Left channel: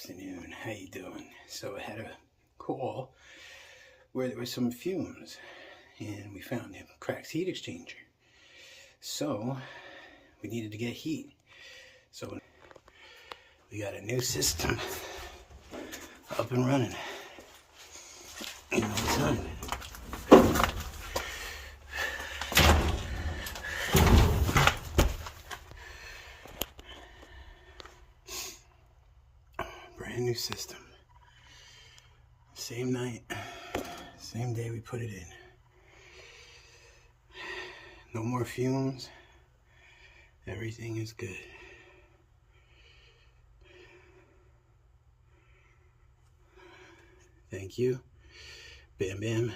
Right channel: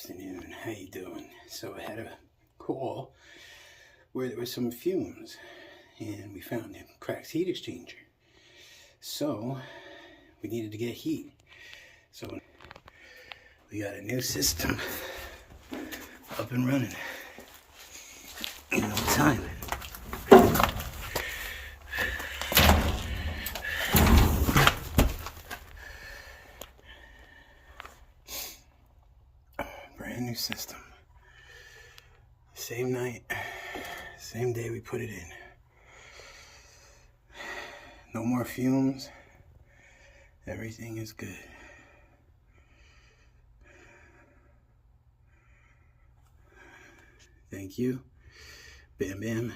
afternoon. How you doing? So I had a call where there were some fumes and we found a cracked heat exchanger. So we needed to get heat. So we got a new system up and running in no time. Brand new system. Same night, same day we put it in. No more fumes. Everything is good. Thank you. Bam Bam.